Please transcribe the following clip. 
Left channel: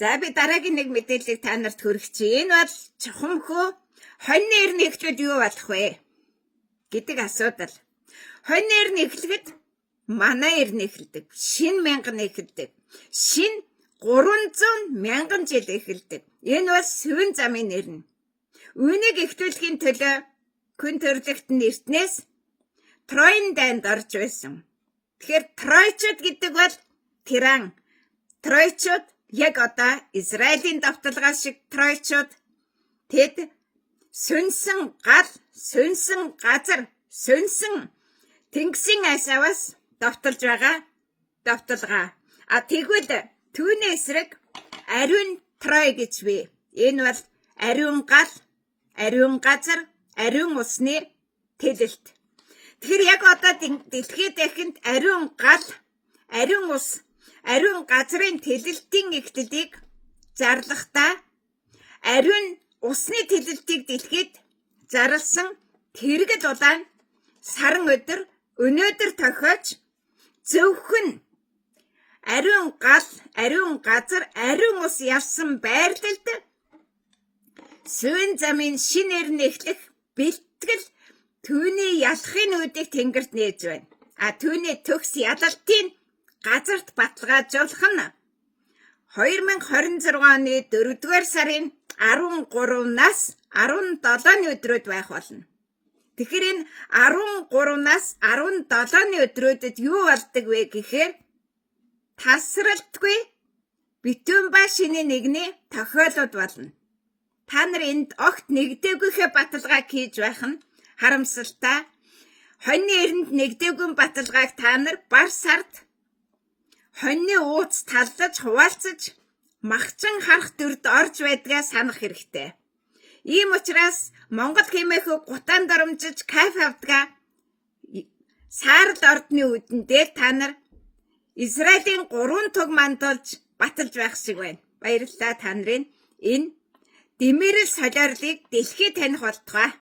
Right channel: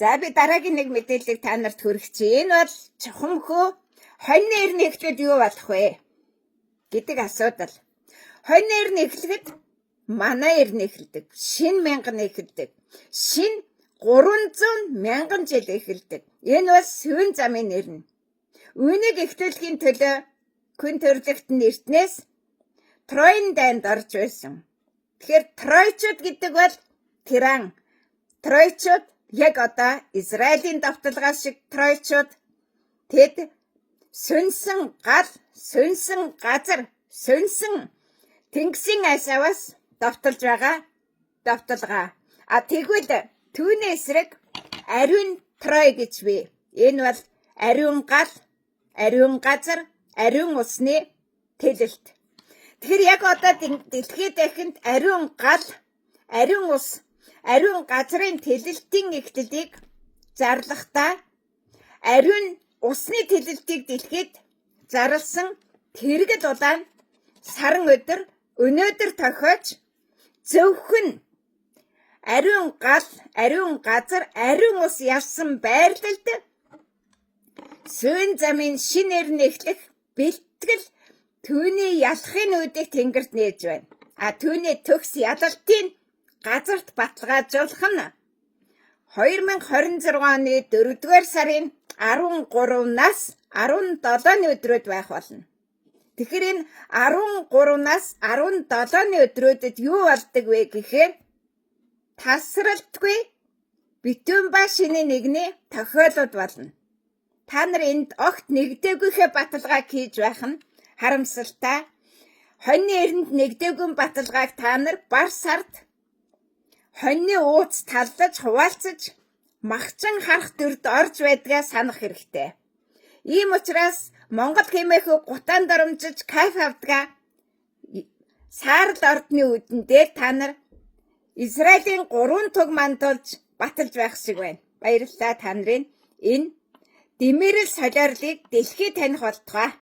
За би дараагийн нэг мэдээллийг та нарт хүргэе. Энэ бол чухамхөө хоньны эрийн эхлүүд юу болох вэ гэдэг асуудал. Хоньны эрийн эхлэхэд манай эрийн эхэлдэг. Шинэ мянган эхэлдэг. Шинэ 300 мянган жил эхэлдэг. Энэ бол сүүн замын нэрнэ. Үүнийг эхлүүлэхийн төлөө хүн төрөлхтөн эртнээс Троен дайнд орж байсан. Тэгэхээр Тройчууд гэдэг бол тиран. Тройчууд яг одоо Израилийн давталгаа шиг Тройчууд тэд сүнсэн гал, сүнсэн газар, сүнсэн тэнгисийн асааваас давталж байгаа давталгаа. Тэгвэл түүний эсрэг ариун Трой гэж бий. Энэ бол ариун гал, ариун газар, ариун усны тэлэлт. Тэгэхээр яг одоо дэлхийд дахинд ариун гал, ариун ус, ариун газрын тэлэлтийн эхлэлийг зарлахдаа ариун усны тэлэлтийг дэлхийд зарласан тэргэл улаан саран өдөр өнөөдөр тохиож зөвхөн ариун гал, ариун газар, ариун ус явсан байрлалд сүүн замын шинэ эрен эхлэх бэлтгэл түүний ялахын үдийг тэнгэрт нээж байна. Түүний төгс ялалтын газарт баталгаажуулах нь 2026 оны 4-р сарын 13-наас 17-ны өдрүүд байх болно. Тэгэхээр энэ 13-наас 17-ны өдрүүдэд юу болдог вэ гэхээр тасралтгүй битүүн ба шинэ нэгний тохиолдол болно. Та нар энд огт нэгдээгүйхээ баталгааг хийж байх нь харамсалтай. Хоньны эрэнд нэгдээгүй баталгааг та нар бар сард хоньны ууц таллаж хуваалцаж махчин харах дүрд орж байдгаа санах хэрэгтэй. Ийм учраас Монгол хэмээх гутаан дарамжиж кайф авдгаа саарл ордны үдэн дээр та нар Израилийн 3 туг мандуулж баталж байх шиг байна. Баярлалаа та нарын энэ дэмэрэл солиорлыг дэлхийд таних болтугай.